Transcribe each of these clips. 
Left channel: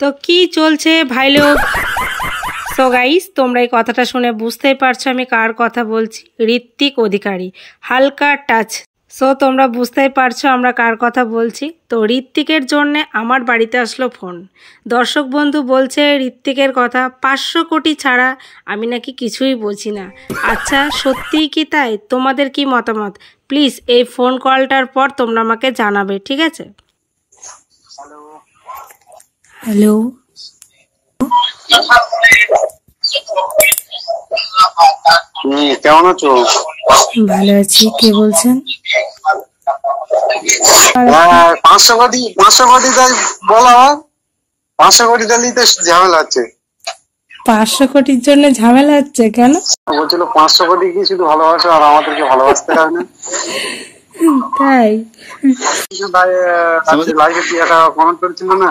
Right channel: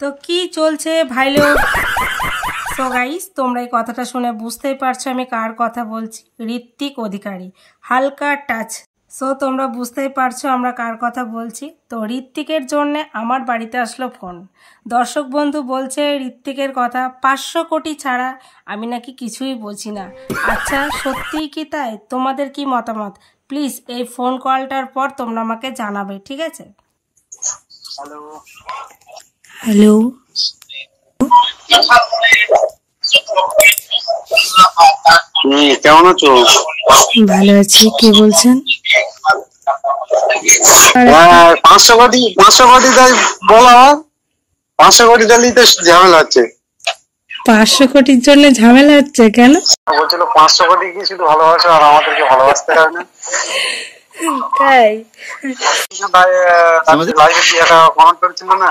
তো কি চলছে ভাই লোক? সো গাইস, তোমরা এই কথাটা শুনে বুঝতেই পারছো আমি কার কথা বলছি। ঋত্বিক অধিকারী, হালকা টাচ। সো তোমরা বুঝতেই পারছো আমরা কার কথা বলছি। তো ঋত্বিকের জন্যে আমার বাড়িতে আসলো ফোন। দর্শক বন্ধু বলছে ঋত্বিকের কথা 500 কোটি ছাড়া আমি নাকি কিছুই বুঝি না। আচ্ছা, সত্যিই কি তাই? তোমাদের কি মতামত? প্লিজ এই ফোন কলটার পর তোমরা আমাকে জানাবে, ঠিক আছে? হ্যালো, কেমন আছো? ভালো আছি। কে বলছেন? 500 কোটি তাই বলো। 500 কোটি নিতে ঝামেলা হচ্ছে। 500 কোটির জন্য ঝামেলা হচ্ছে কেন? বলছিল 500 কোটি কি শুধু ভালোবাসা আর আমাদেরকে ভালোবাসতে হবে না? তাই লাইভে কি একটা কমেন্ট করেছিল না?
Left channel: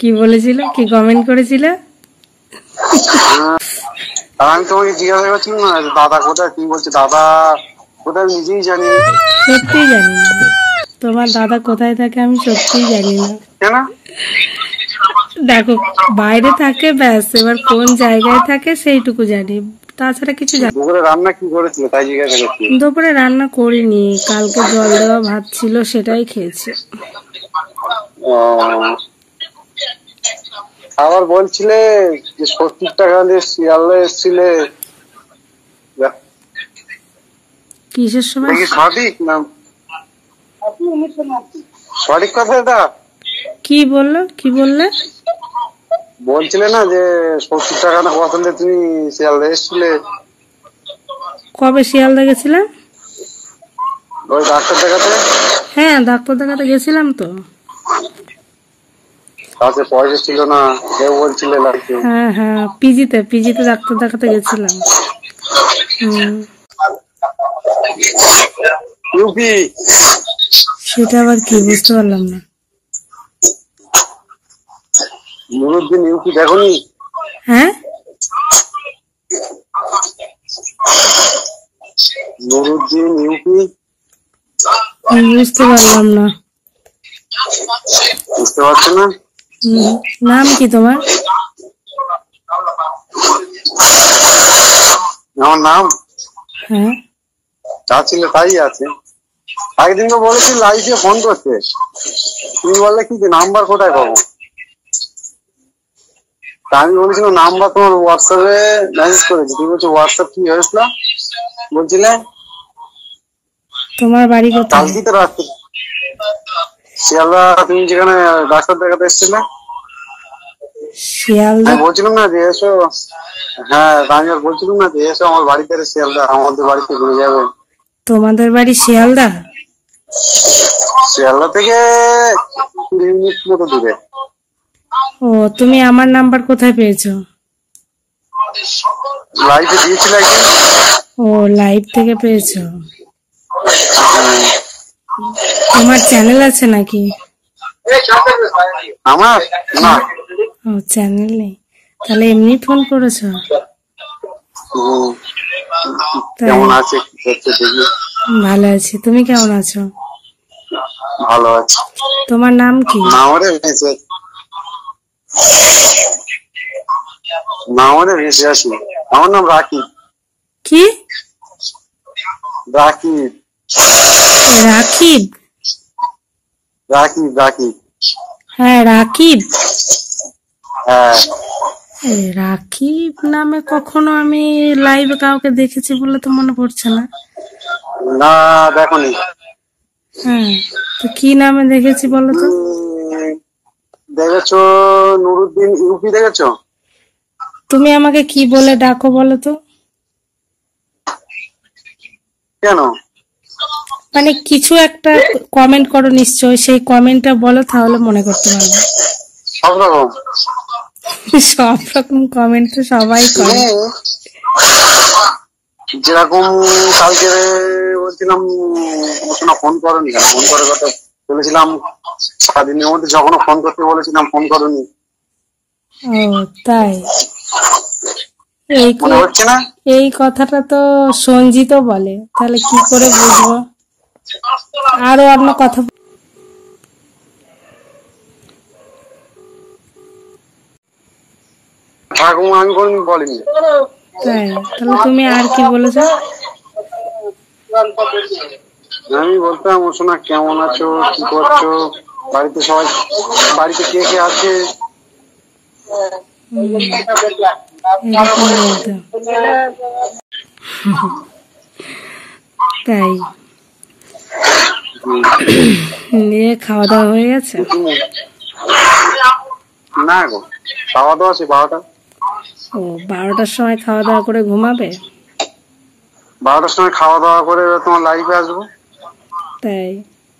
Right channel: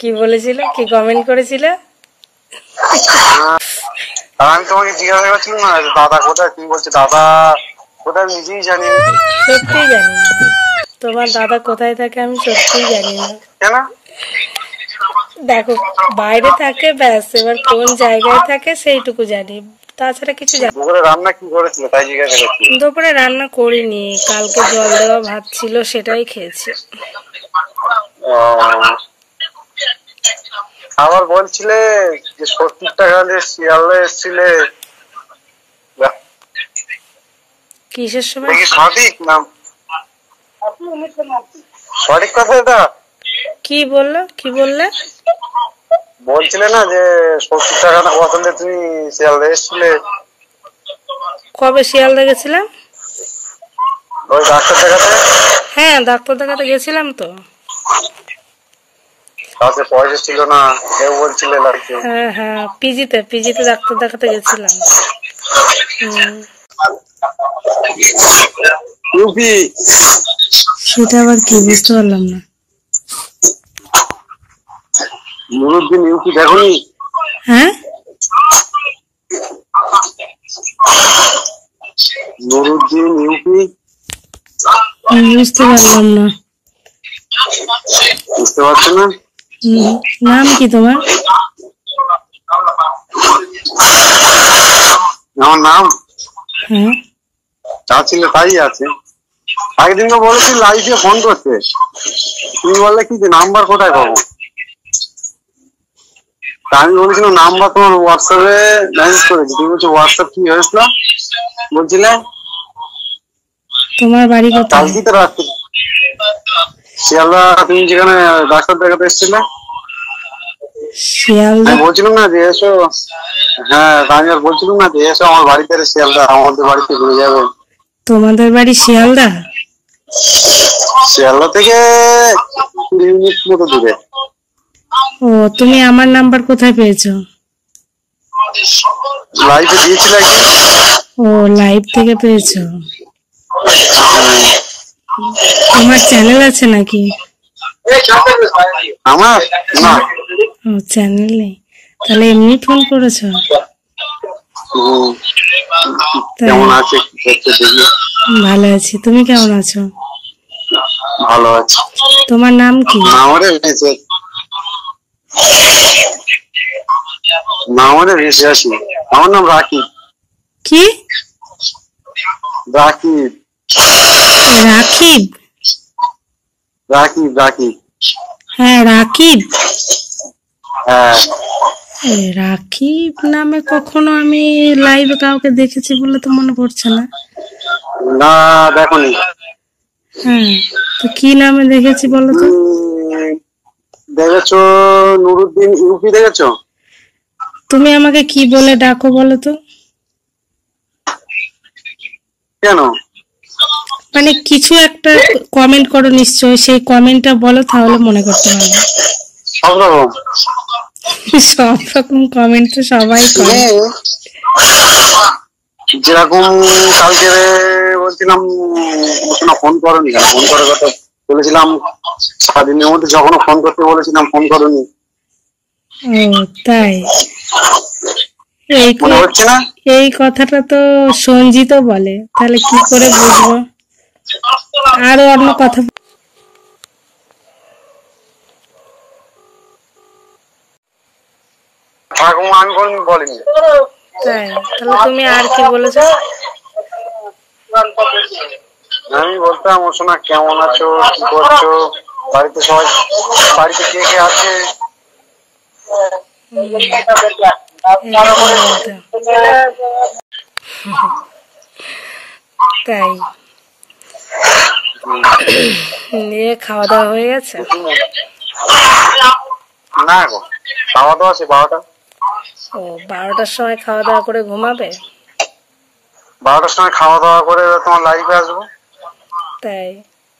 কি বলেছিল? কি কমেন্ট করেছিল? আর আমি তোমাকে জিজ্ঞাসা করছিলাম না দাদা কোথায়, তুমি বলছো দাদা কোথায়, নিজেই জানি না। সত্যিই জানি না তোমার দাদা কোথায় থাকে, আমি সত্যিই জানি না। কেন? দেখো, বাইরে থাকে ব্যাস, এবার কোন জায়গায় থাকে সেইটুকু জানি, তাছাড়া কিছু জানি। দুপুরে রান্না কি করেছিল তাই জিজ্ঞাসা করছি। দুপুরে রান্না করিনি, কালকে জল দেওয়া ভাত ছিল সেটাই খেয়েছি। আবার বলছিলে যে 70 টাকা দিয়ে শিয়ালদা এসেছিলে, কিসের সময়? সঠিক না? সঠিক কথা এটা? কি বললো? কি বললে? বলছিলে না যে 70 টাকা না কত দিয়ে তুমি শিয়ালদা এসেছিলে? কবে শিয়ালদা গেছিলাম? ওই ডাক্তার দেখাতে। হ্যাঁ, ডাক্তার দেখাতে গেছিলাম তো। কাছে পয়সা ছিল না, কেউ বলছিলে লাগছে। হ্যাঁ হ্যাঁ, পিজিতে ডাক্তার দেখাতে গেছিলাম। ইউপি সেটা আবার কি, বুঝতে পারলাম না। নুরুদ্দিন ইউপি দেখোনি? হ্যাঁ, নুরুদ্দিন ইউপি বুঝতে পারলাম না। বুঝতে পারছো না? নাম কি তোমার? আমার নাম? হ্যাঁ, যা ছিল তাই আছে। একদিন তো বলেছি লাইভে ফোন করতে, তুমি বললে কি যে নাম্বার কোথায় পাবো? আমি বলেছিলাম নাম্বার তোমার হোয়াটসঅ্যাপে মেসেজ করেছি, তুমি বলছো হোয়াটসঅ্যাপ কি হয়েছিল বলছিলে? তোমার বাড়ি কোথায়? কালকে তো রাত্রে শিয়ালদা, তুমি যেখানে ডাক্তার দেখাতে এসেছিলে। শিয়ালদা? আমি বলছিলাম না যে এসো, হ্যাঁ আমি আর বলছিলাম না যে এসো আমার বাড়িতে, শিয়ালদা আমাদের বাড়িতে ঘুরে যাবে। তোমাদের বাড়ি শিয়ালদা? শিয়ালদা থেকে 20 মিনিট মতো দূরে। ও, তুমি আমার নাম্বার কোথায় পেয়েছো? লাইভে দিয়েছিল একদিন। ও, লাইভ থেকে পেয়েছো। তোমার চ্যানেল আছে নাকি? আমার না। ও, চ্যানেল নেই, তাহলে এমনি ফোন করেছো? কেমন আছে? ভালো আছি, তুমি কেমন আছো? ভালো আছি। তোমার নাম কি? আমার নাম রাকিব। কি? রাকিব। রাকিব? রাকিব রাকিব। হ্যাঁ, রাকিব। হ্যাঁ, রাকিব নামে কখনো আমি লাইভে কাউকে দেখেছি বলে তো মনে পড়ছে না। না দেখোনি? হ্যাঁ, তো কি নামে দেখেছি বলো তো? দেখেছো নুরুদ্দিন ইউপি দেখেছো? তুমি আমাকে কি বলে ডাকো বলো তো? কেন? মানে কিছু একটা কমেন্ট করো নিশ্চয়, সেই কমেন্টটা বলো, তাহলে মনে করতে পারবো। সব রকম। সব রকম কমেন্ট তো সবাই করে। যেরকম কালকে বলছিলাম ফোন করোনি, ফোন করার কথা বলেছিলাম সারাদিনের মধ্যে, যখন ফোন করতে বলেছিলাম ফোন করোনি। ও তাই? মনে হচ্ছে না? এই কথাটা তো সঞ্জিত বলে, তাহলে কি করে বুঝবো? আরো অন্য কথা ঠাকুমা আমি কোনদিন বলিনি। তাই? তাহলে তুমি আর কি বলেছো? আমি বলতাম ও সোনা কেমন আছো, কি করছো, বাড়িতে সবাই, বাড়িতে কে কে আছে। তাই? নিয়ে খাওয়া দাওয়া হয়ে গেছে? না গো, খাওয়া দাওয়া আছে 12টা। ও, 12টার সময় খাওয়া দাওয়া করে ঘুমাবে? 12টার সময় খাওয়া দাওয়া করে তোমার লাইভে আসবো। তাই?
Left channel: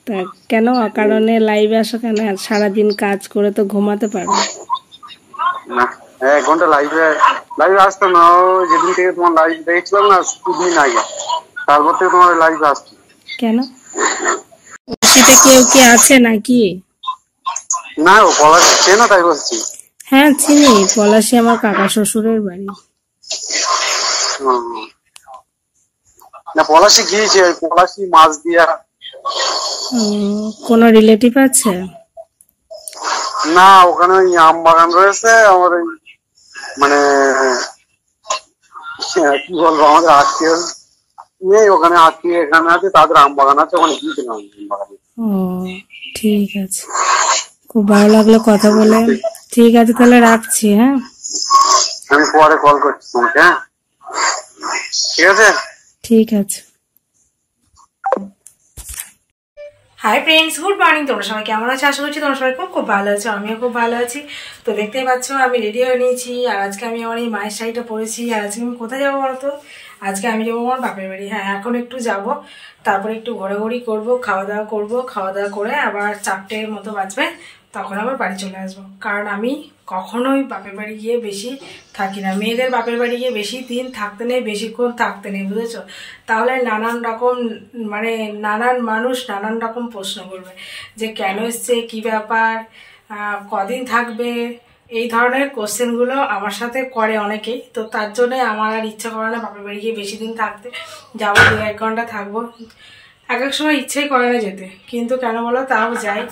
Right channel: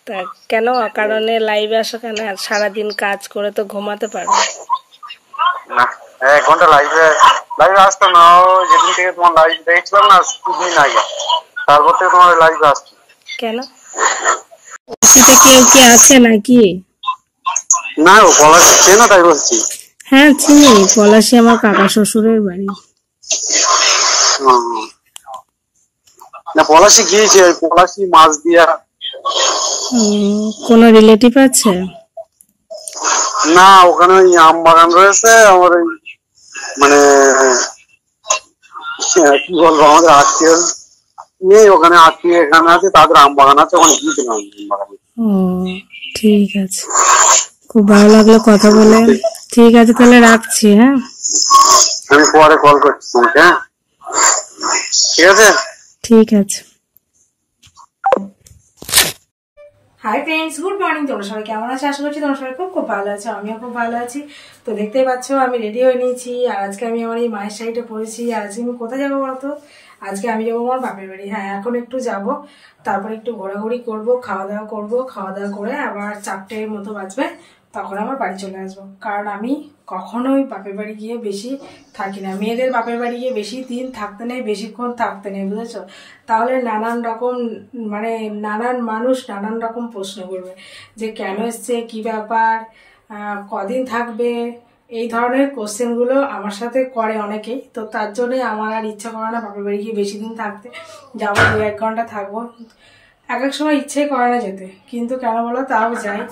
তা কেন কারণে লাইভে আসো কেন? সারাদিন কাজ করে তো ঘুমাতে পারো না। 1 ঘন্টা লাইভে আসতাম না। যেদিন থেকে তোমার লাইভ দেখছিলাম না, 2 দিন আগে, তারপর থেকে তোমার লাইভে আসছি। কেন? ওটিতে কেউ কি আছে নাকি? না ও পলাশ চেনো, তাই বলছি। হ্যাঁ চিনি, পলাশী আমার কাকা শ্বশুরের বাড়ি। না পলাশি গিয়েছে, পলাশি মাছ দিয়া। কোনো রিলেটিভ আছে? না, ওখানে ওই আম বাগান রয়েছে আমার, ওই মানে কি বলবো, আমাদের আত্মীয় নেই ওখানে, আত্মীয় এখানে আছে, তাদের আম বাগান আছে, ওখানে গিয়েছিলাম আম বাগানে। ও ঠিক আছে, খুব ভালো লাগলো কথা বলে। ঠিক আছে তাহলে রাখছি। হ্যাঁ, আমি পরে কল করছি তোমাকে। হ্যাঁ ঠিক আছে। ঠিক আছে। Hi friends, good morning. তোমরা সবাই কেমন আছো? আশা করছি তোমরা সবাই খুব খুব ভালো আছো। আমিও খুব ভালো আছি। তো দেখতেই পাচ্ছ আমি রেডি হয়ে নিয়েছি, আর আজকে আমি আমার এই মায়ের শাড়িটা পরেছি। আর আজকে আমি কোথায় যাবো বলো তো? আজকে আমি যাবো আমার বাপের বাড়ি। হ্যাঁ, এখন একটু যাব, তারপরে একটু ঘোরাঘুরি করব, খাওয়া দাওয়া করবো। খাওয়া দাওয়া করে আবার 4টের মতো বাজবে, তখন আবার বাড়ি চলে আসবো। কারণ আমি কখনোই বাপের বাড়ি গিয়ে বেশি থাকি না। মেয়েদের বাপের বাড়ি গিয়ে বেশি দিন থাকতে নেই, বেশিক্ষণ থাকতে নেই, বুঝেছো? তাহলে নানান রকম মানে নানান মানুষ নানান রকম প্রশ্ন করবে যে কেন এসছে, কী ব্যাপার, কদিন থাকবে, এই ধরনের কোশ্চেনগুলো আমার সাথে করে অনেকেই। তো তার জন্যই আমার আর ইচ্ছা করে না বাপের বাড়ি গিয়ে বেশি দিন থাকতে। যাবো 2-1 ঘন্টা থাকবো, এক এক সময় ইচ্ছেই করে না যেতে, কিন্তু কেন বলো তাও যাই।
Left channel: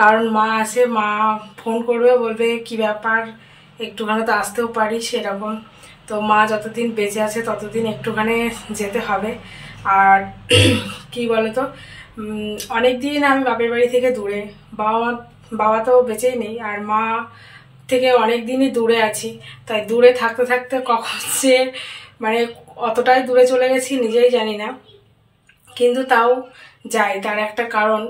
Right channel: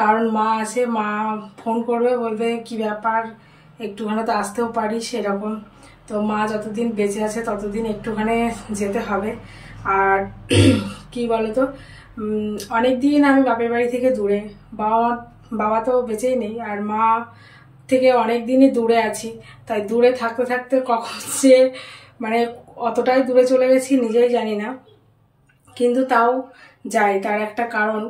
কারণ মা আসে, মা ফোন করবে, বলবে কি ব্যাপার, একটুখানি তো আসতেও পারি সেরকম। তো মা যতদিন বেঁচে আছে ততদিন একটুখানি যেতে হবে। আর কি বলো তো, অনেক দিন আমি বাপের বাড়ি থেকে দূরে, বাবা তো বেঁচেই নেই, আর মা থেকে অনেক দিনই দূরে আছি। তাই দূরে থাকতে থাকতে কখন যে মানে অতটাই দূরে চলে গেছি নিজেই জানি না, কিন্তু তাও যাই। তার একটা কারণ,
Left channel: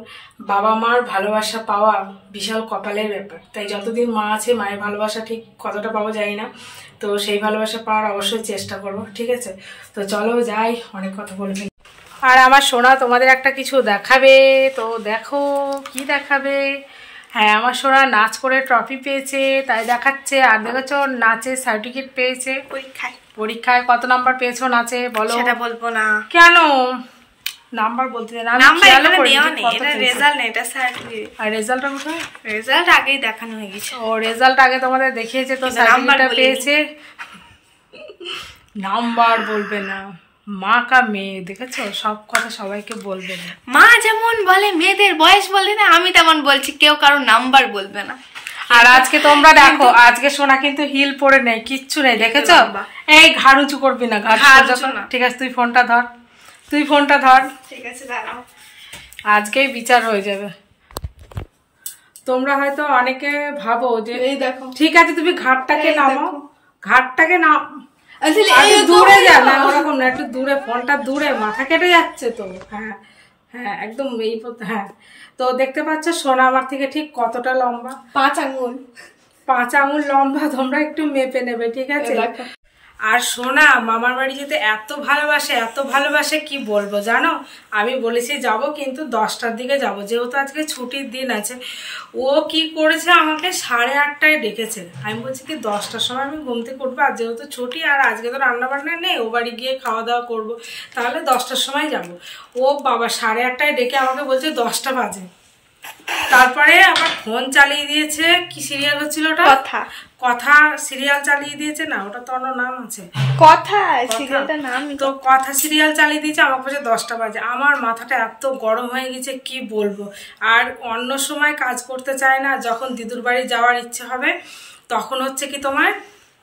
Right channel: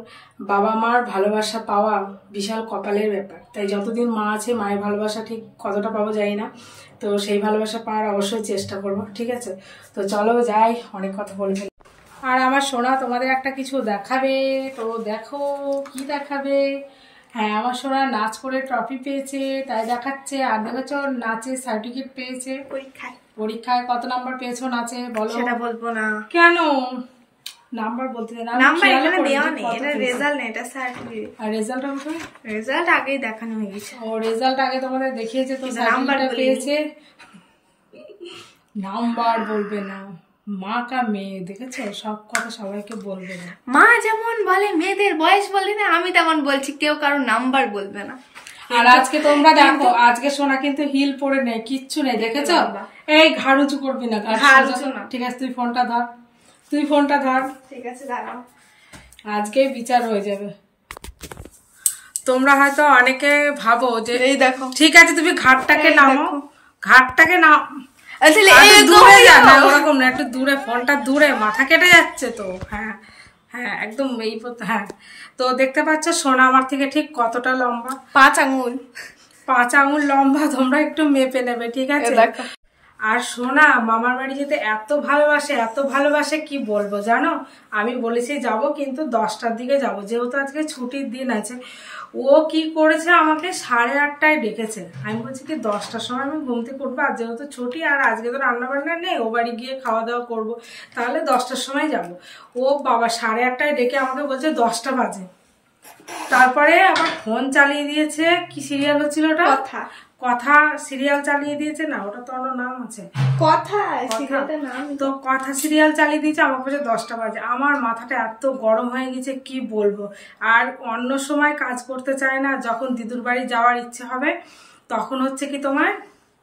বাবা মার ভালোবাসা পাওয়া বিশাল কপালের ব্যাপার। তাই যতদিন মা আছে, মায়ের ভালোবাসা ঠিক কতটা পাবো জানি না, তো সেই ভালোবাসা পাওয়ার অবশ্যই চেষ্টা করব। ঠিক আছে, তো চলো যাই, অনেক কথা বলে ফেলি। আর আমার সোনা তোমাদের একটা কিছু দেখাবে, তো দেখো কি দেখাবে। হ্যাঁ, আমার সোনা নাচ করে ট্রফি পেয়েছে, তাই দেখাচ্ছে। আর দেখেছো নাচের সার্টিফিকেট পেয়েছে পরীক্ষায়। কত নাম্বার পেয়েছো নাচে বলো? সেটা বলবো না। কেন? নাম্বার বলতে দেন, আমি খেয়াল করিনি। এটা রেজাল্ট নেই, এটা সার্টিফিকেট। আর রেজাল্টটা কোথায়? রেজাল্ট আগেই দেখানো হয়ে গেছে। ও, রেজাল্ট আগে তোমাদের দেখিয়েছে, তো সার্টিফিকেটটা পেয়েছে। নাম্বার বলবে না, মা কা মেয়ে, দেখেছো সব কথা সবাইকে বলবে না। মা যেমন বলে মেয়েদের বয়স বলে না, আমি তেমন বলছি কেউ কারো নাম্বার বলবে না। আর আজকে তোমরা দেখো, আজকে সোনা কিন্তু হিল পরে নেই, কিচ্ছু নেই, দেখেছো? এই ঘাড় উঁচু করবি না, ঘাড় সোজা কর। ঠিক আছে, তুই ফোনটা ধর, তুই ফোনটা ধর। ঠিক আছে, দাঁড়াও, আজকেই বিচার হয়ে যাবে। তোমরা হয়তো অনেকে ভাবো যে এই দেখো, ঠিক আছে তুমি ঘাটটাকে নামাও, ঘাটটাকে নাম, দূরে যা না, ওরকম না, একটু দূরে, ফোনটা দূরে, মাথা কেটে যাচ্ছে তো। হ্যাঁ হ্যাঁ, একদম এই। হ্যাঁ, তো দেখতে পাচ্ছ সোনা আমার থেকে ঠিক কতটা লম্বা? 5 আঙ্গুল। 5 আঙ্গুল লম্বা, তোমরা একটু মেপে নেবে, ঠিক আছে? আর সোনা মামার বাড়ি যেতে এত ভালোবাসে, এত ভালোবাসে, কি বলবো জানো? আমি বলেছি যাব, কিন্তু 10টার দিকে যাব, যেহেতু আজকে ছুটির দিন আছে। ও কি করেছে, আমাকে 8:30টায় ডেকেছে। আমি বলছি কি 10টার সময় আমি ঘুম থেকে উঠবো, আর যেহেতু ছুটি, আর আজকে তো রান্না বান্না নেই, ও বাড়ি গিয়ে খাওয়া দাওয়া করবো, তাহলে 10টার সময় যাব। ও বাবা 8:30টায় ডেকে আমাকে বলছে 10টা বাজে। তারপরে আবার ফোন চালিয়ে দিয়েছে, কি সিরিয়াল হচ্ছিল ওটা? কথা সিরিয়াল চালিয়ে দিয়েছে না, ওটা তো অন্য নাম আছে, কথা সিরিয়ালটার নাম। তো কথা সিরিয়াল চালিয়ে দিয়েছে, আমার কাছে 10টা বাজে। আমার মাথাটা এত গরম হয়ে গেছে কি বলবো। আর অন্য সময় কাজ করতে চায় না, যখন দিদুর বাড়ি যাওয়ার ইচ্ছে হবে তখন হচ্ছে কি তোমার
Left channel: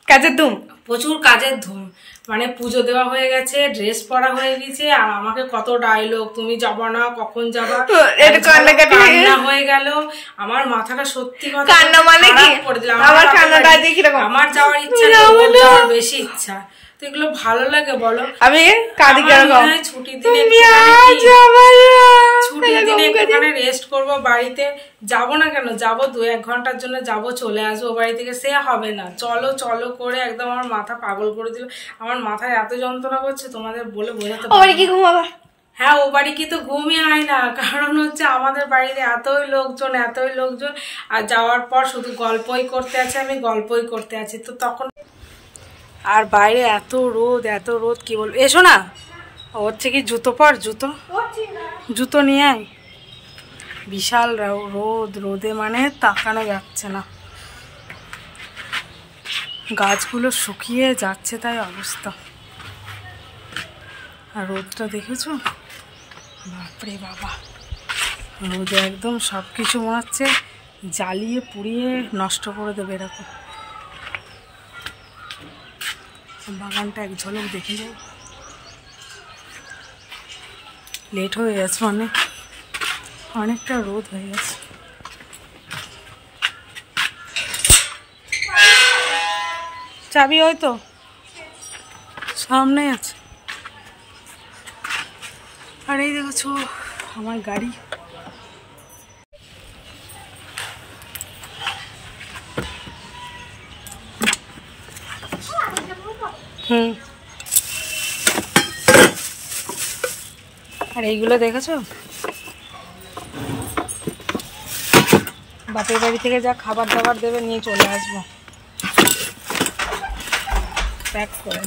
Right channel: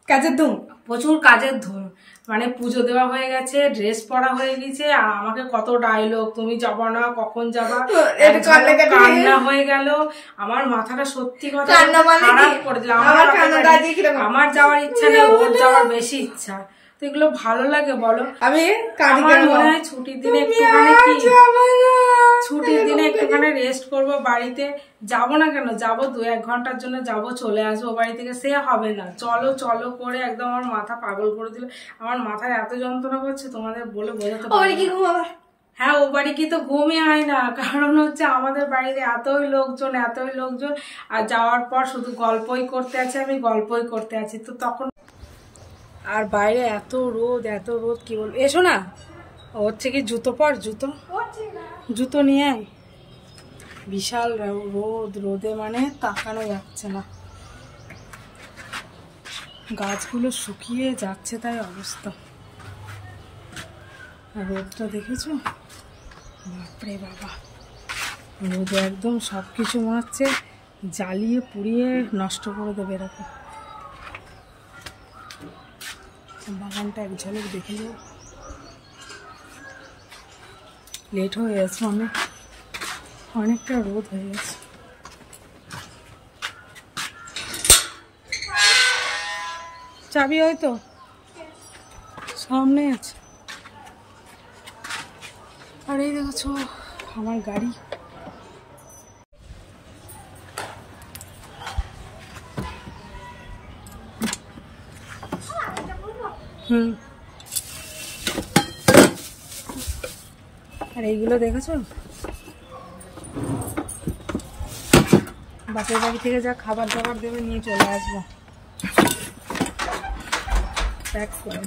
কাজের ধুম, প্রচুর কাজের ধুম। মানে পুজো দেওয়া হয়ে গেছে, ড্রেস পরা হয়ে গেছে, আর আমাকে কত ডায়লগ, তুমি যাবা না, কখন যাবা, কান্না হয়ে গেল। আমার মাথাটা সত্যি কথা কান্না মানে কি করে দিলাম। আমার কান্নাটা দেখি আমার যাওয়ার ইচ্ছা নেই, ওর যাওয়ার বেশি ইচ্ছা। তো এগুলো ভালো লাগে বলো? আমি কাঁদি কেন? ছুটির দিনে ছুটির দিনে একটুখানি রেস্ট করবো বাড়িতে। যাবো না কেন, যাবো 2-1 ঘন্টার জন্য যাবো, চলে আসবো বাড়ি থেকে, সে হবে না। চলো চলো করে একদম আমার মাথা পাগল করে দিল। আমার মাথায় এত যন্ত্রণা করছে তোমাদের বলে বোঝাতে পারবো না। কি ঘুমাবো? হ্যাঁ, ও বাড়ি কি তো ঘুমই হয় না, কারণ হচ্ছে আমাদের বাড়িতে এতই লোকজন আর যাওয়ার পর শুধু গল্পই করতে আছে, আমি গল্পই করতে আছি। তো তখন আর বাইরে এত রোদ কি বলবো। এসো না, হচ্ছে কি জুতো পর, জুতো নিয়ে আয়। বিশাল রোদে মানে তাকানো যাচ্ছে না, গাছগুলো শুকিয়ে যাচ্ছে তাই অবস্থা। আর রোদটা দেখেছো, বাপরে বাবা, রোদে একদম সব কিছু মনে হচ্ছে জ্বালিয়ে পুড়িয়ে নষ্ট করে দেবে এরকম। বাগানটা এক ঝলক দেখে যাও। লেট হয়ে গেছে, অনেকটা রোদ হয়ে গেছে। চাবি হয়তো সামনে আছে। আর এই দেখছো আমার গাড়ি। আর এইগুলো দেখেছো, বাপের বাড়ি থেকে যা খাবার দাবার দেবে নিয়ে চলে আসবো প্যাক করে।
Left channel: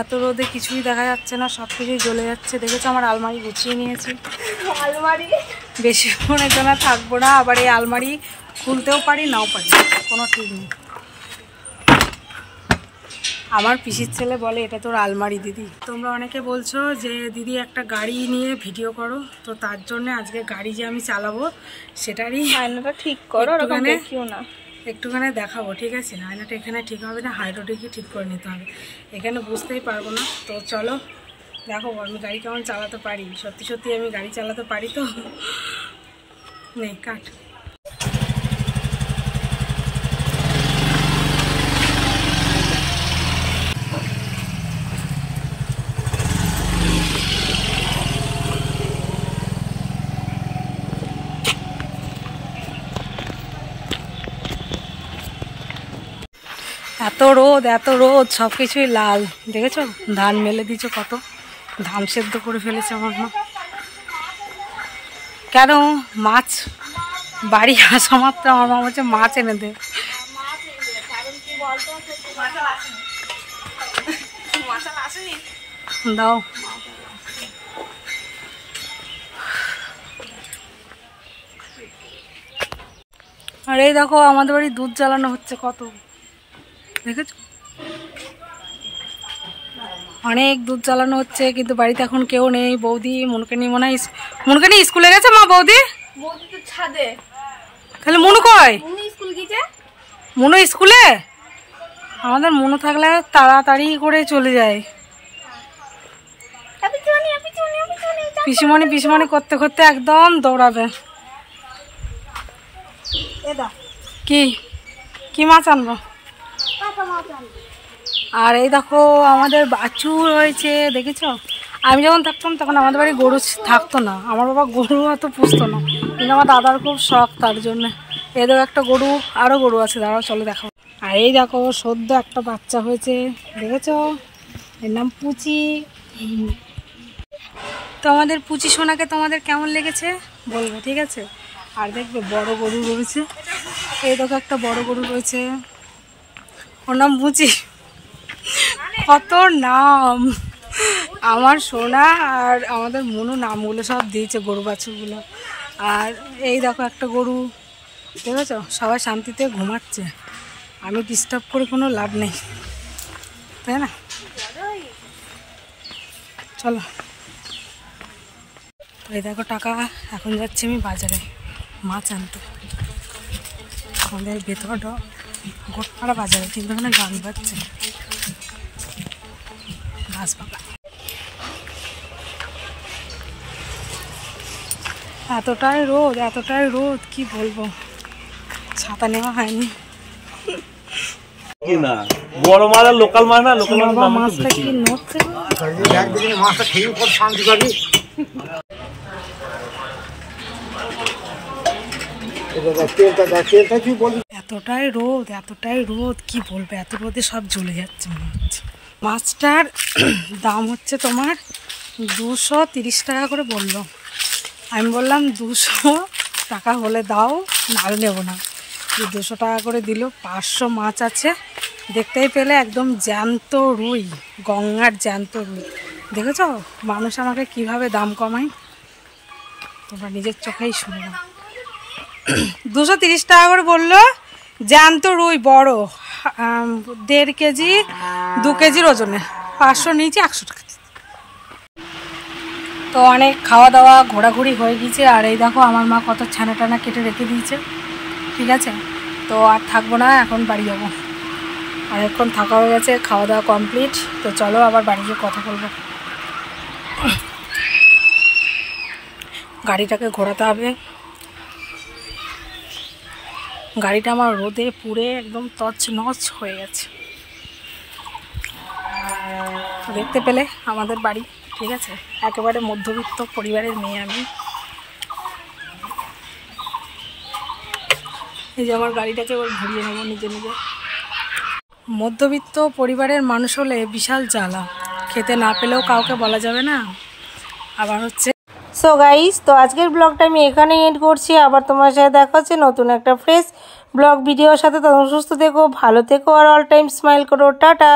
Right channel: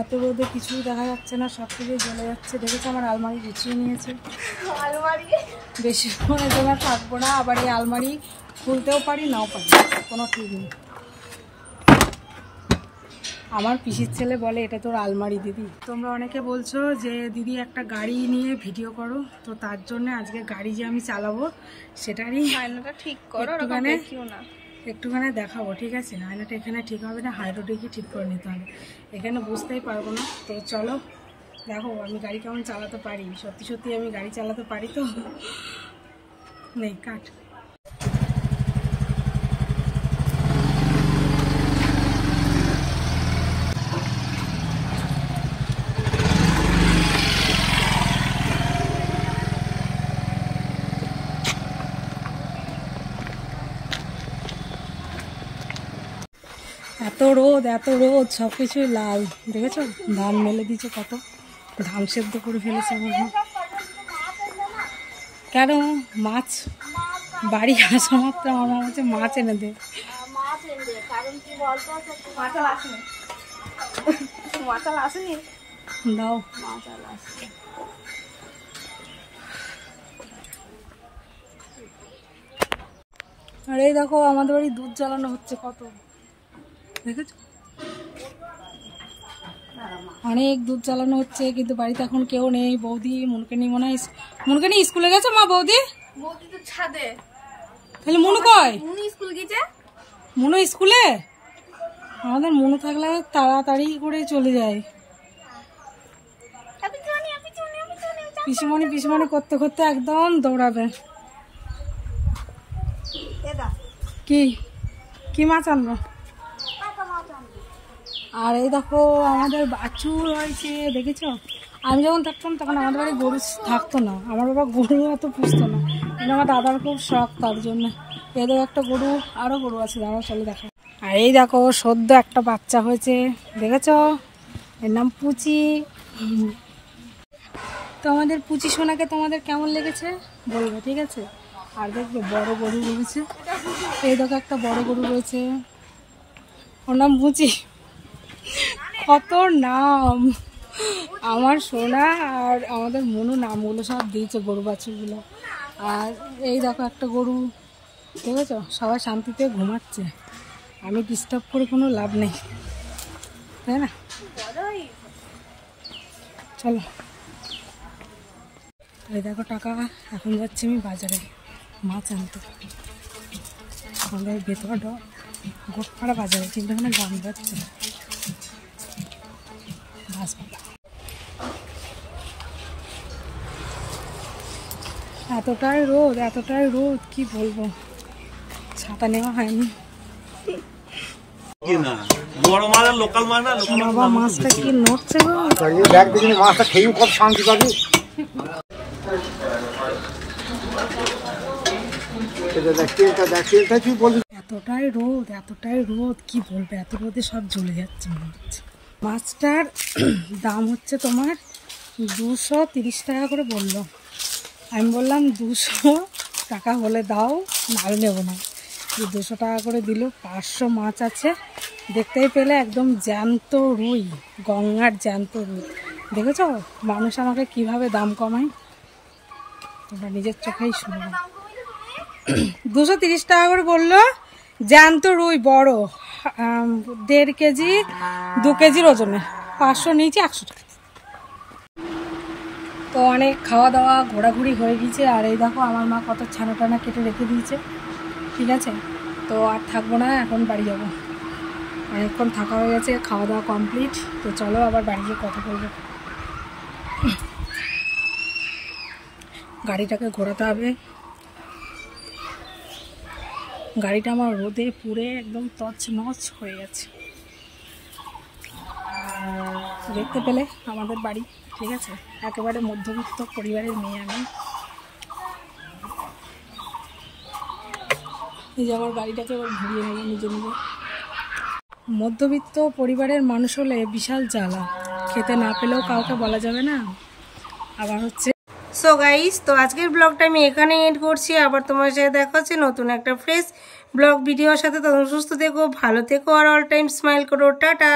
এত রোদে কিছুই দেখা যাচ্ছে না, সব কিছুই জ্বলে যাচ্ছে। দেখেছো আমার আলমারি গুছিয়ে নিয়েছি, বেশিক্ষণের জন্য থাকবো না। আবার এই আলমারি খুলতেও পারি নাও পারি, কোনো ঠিক নেই। আমার পিসির ছেলে বলে এটা তোর আলমারি দিদি। তোমরা অনেকে বলছো যে দিদি একটা গাড়ি নিয়ে ভিডিও করো, তো তার জন্য আজকে গাড়ি যে আমি চালাবো সেটারই আয়নাটা ঠিক করো, একটুখানি দেখাবো, ঠিক আছে? আয়নাটা এখানে ঠিক হবে না, হাইড্রোটিকই ঠিক করে নিতে হবে, এখানে বুঝতেই পারবো না। তো চলো দেখো আমি গাড়ি কেমন চালাতে পারি, সত্যি সত্যি আমি গাড়ি চালাতে পারি তো। নে কাট। এত রোদ সব কিছুই লাল। দেখেছো ধান মেলে দিয়েছো, কত ধান সেদ্ধ করে ফেলেছে আমার মা। কেন মাছ বাড়ি আসা মাত্র আমার মা বলছে মাছ এনে দে। দাও। আর এই দেখো আমাদের বাড়ি দুধ জ্বালানো হচ্ছে, কত দেখেছো, অনেক দুধ জ্বালানো হচ্ছে, কিন্তু বাড়িতে এখন কেউ নেই। বৌদি মনুকে নিয়ে মনে হয় মনুকে নিয়ে স্কুলে গেছে মা। বৌদি ছাদে, তাহলে মনু কয়? স্কুল গেছে। মনু স্কুলে? আমাদের মনু থাকলে তাড়াতাড়ি করে চলে যায়। পিসিমণি করতে করতে একদম দৌড়াবে। কি মাছ আনবো? আর এই দেখো আমাদের বাছুর হয়েছে, দেখেছো? আমি যখন থাকতাম তখন আমাদের বাড়ি গরু থাকতো না, আমার বাবা গরু অত পুষতো না, কিন্তু আমার দাদার খুব শখ, তার জন্য এদের একটা গরু, আরও গরু আছে, দাঁড়াও চলো দেখো। আর এই দেখো সদ্য একটা বাচ্চা হয়েছে, দেখেছো? এর নাম পুচি। তো আমাদের পুচি সোনাকে তোমাদের কেমন লেগেছে বলবে, ঠিক আছে? আর দেখবে বড় গরু রয়েছে, এই দেখো একটা বড় গরু রয়েছে, ওর নাম পুচি। কত নাম আমার সোনা আর আমাদের মনু নামগুলো সব দিয়েছে গরু বাছুরগুলো। আর এই দেখো একটা গরু, দেখেছো? সবাই শান্তিতে ঘুমাচ্ছে, আমি ডিস্টার্ব করে কোনো লাভ নেই, তাই না? চলো এই দেখো টাকা, এখন যাচ্ছি আমি বাজারে মাছ আনতে। আমাদের ভেতরটা গোটপাড়া বাজারে, কিন্তু এখানে গান বাজছে ঘাস পাকা। এতটাই রোদ কি বলবো, ছাতা নেওয়া হয়নি। বড় মাছ আর লোকাল মাছ না, লোকাল বাবা মাছটা কি নড়ছে গো, মাছটা খেয়ে পর শান্তি পাবি। এতটাই রোদ কি বলবো, এত রোদে সব জ্বলে যাচ্ছে মনে হচ্ছে। মাছটার দাম হচ্ছে তোমার 230 টাকা করে বললো। আমি বললাম 200 টাকা হলে দাও, নাহলে নেবো না। 200 টাকা করে দিল। 500 মাছ আছে, দেখতেই পেলে একদম জ্যান্ত রুই, গঙ্গার জ্যান্ত রুই। দেখেছো মানুষ আমাকে কিভাবে দাম কমায়, তোমরা নিজের চোখেই শুনে নাও। 230 টাকা করে বললো, জ্যান্ত রুই বড়, 1.5 কেজি 2 কেজির ওজনে। 500 নিয়েছি, 100 টাকা। তো অনেক খাওয়া দাওয়া ঘোরাঘুরি হয়ে গিয়েছে, আর এই দেখো আমার মা কত ছানা টানা কেটে রেখে দিয়েছে। ঠিক আছে, তো আর থাকবো না, এখন বাড়ি যাবো। অনেকক্ষণ থাকা হয়ে গেছে, খাওয়া দাওয়া কমপ্লিট। তো চলো আবার বাড়ি গিয়ে কথা বলবো। গাড়িটাকে ঘোরাতে হবে, গাড়িটা আমার রোদে পুড়ে একদম তছনছ হয়ে গেছে। দেখতে পেলে আমাদের বাড়ি, ঠিক আছে, একেবারে মধ্যবিত্ত পরিবারের মেয়ে আমি। এই যে আমার গাড়িটাকে এবার ঘুরিয়ে নেবো নিজে নিজে। মধ্যবিত্ত পরিবারের মানুষ হলে বিশাল জ্বালা, খেতে না পেলেও কাউকে বলা যাবে না। আবার হচ্ছে সো গাইস, তো আজকের ব্লগটা আমি এখানেই এন্ড করছি। আবার তোমার সাথে দেখা হচ্ছে নতুন একটা ফ্রেশ ব্লগ ভিডিওর সাথে। তখন সুস্থ থেকো, ভালো থেকো, আর অল টাইম স্মাইল করো। টাটা।